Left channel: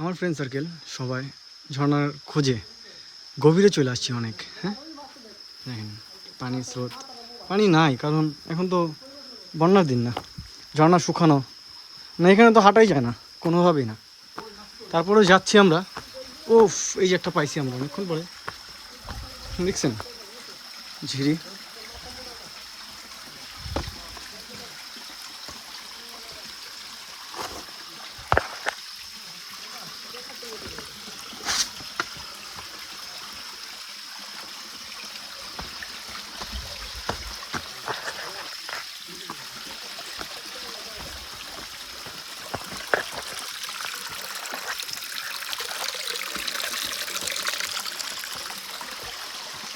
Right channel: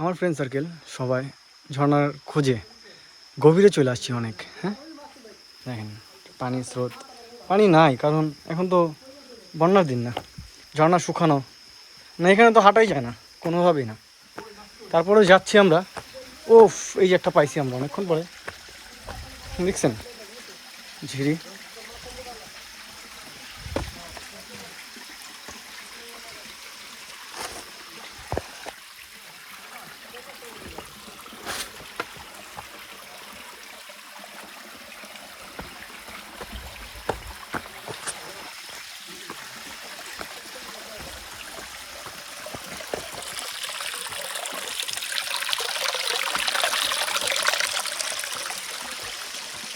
আমার friend circle সবাই ঝর্ণার খোঁজে গভীরে চলে আসছি অনেক। হ্যাঁ দেখেন পানির স্রোত, পানি নাই কারণ এখন তো বন্যার দিন না, ঝর্ণা শুকানো না, এখানে তো হাঁটাই যায় না কোনোভাবেই না। তারপরেও যাচ্ছি আমরা। ওফ, এই যে একটা পাইছি আমরা অনেকক্ষণ পরে, দেখছেন ঝিরি।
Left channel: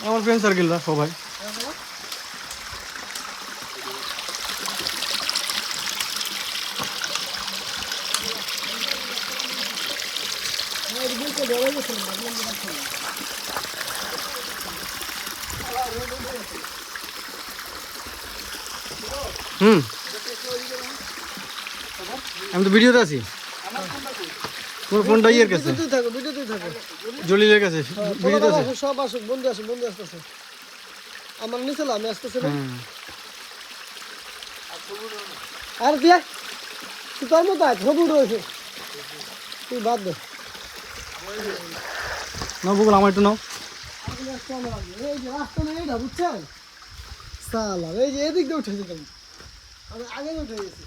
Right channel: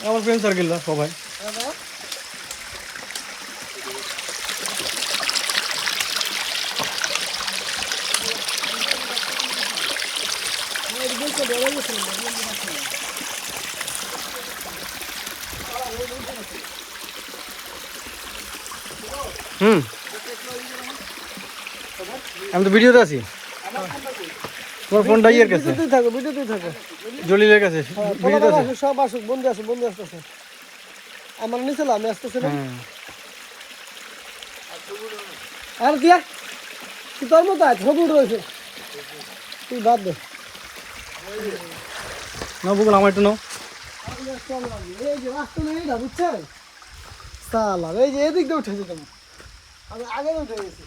আমার ফ্রেন্ড সার্কেলরা সবাই আমি তো ভিডিওতে আছি। তোমার ফোনটা ইয়ের কাছে, জলিলের কাছে, ভিডিওতে আছে। সব আসুক, বন্ধু আসুক, বন্ধু আসতেছে। আমার নিচে আমি আসতেছে না। আর দিয়ে তুই তোর মতো আয়, সবুজ রয়েছে, তুই বাদ দে। নাও বকুল, আমার একটু নাও। এই যে রাস্তা নেই না, বুঝছেন সালা, এই যে এদিক দিয়ে উঠে যেতাম, আমি আগে উঠে গেছি।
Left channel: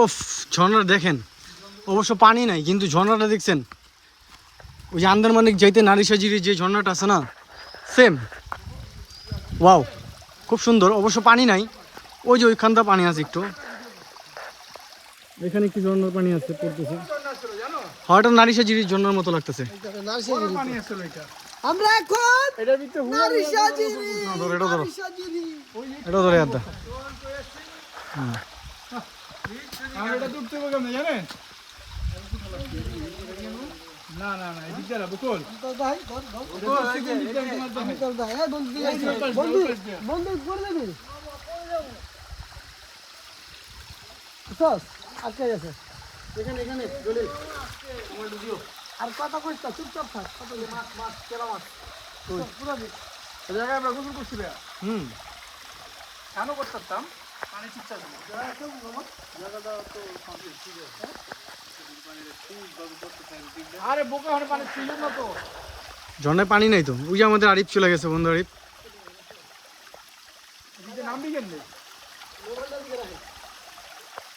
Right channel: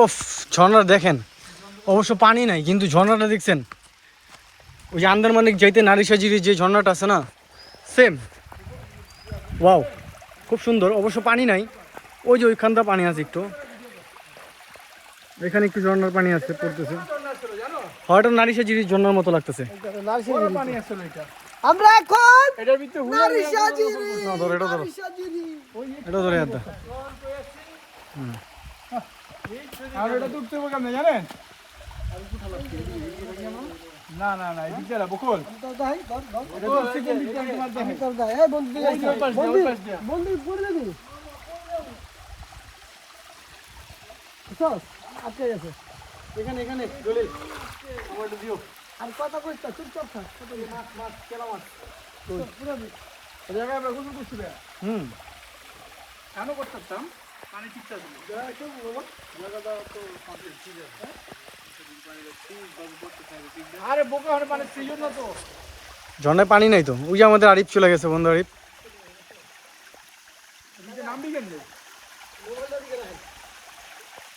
ওফ, ঝর্ণা দেখেন, অবশ্য পানি নাই কিন্তু ঝর্ণাটা দেখছেন, ওই যে আন্দারমানিক যাইতে নারিশাজির যে ঝর্ণাটা আছে না, সেম। ওয়াও, খুব সুন্দর। অবশ্য পানি নাই, ওই যে ওইখানটা পানি আছে একটু, এখানে একটু ঝর্ণার পানি আছে পড়তেছে। হয়তো নারিশাজির ঝর্ণার মতো লাগতেছে। আমরা এখন নারিশাজিরি, না ধরো, এটা ধরো, নারিশাজিরি। এটা ধরে আদা। আর এটা তো উঠতে হবে কেমনে জানেন? না না না, এদিক দিয়ে না, বকুল। তো ভাই ধর ধর, এটা তো সেকেন্ড দিক দিয়ে তোমার দেখেন। তোর ভাই এই বন্ধু দিয়ে যাচ্ছে, বন্ধু বন্ধু পড়ে যাবে, বুঝছস? আটকে গেছে এখানে এখানে গেলে আমার একটু দিও। আর কথা কইস না, চুপচাপ থাক। কথা বলিস না। মাছ মাছ কেলা মাছ। পুরো দিস। এই জায়গায় আমরা গোসল করছি ভাইয়া। হুম, কেন করতাম? পানি ঠিকঠাক ছিল। আরে বোকা হলে পানি ছিল না তো। ঝর্ণায় পানি নাই তো। ওই যে আমাদের আরিফ চলে গেছে, বন্ধু আরিফ। এদিকে নামবি কেমনে?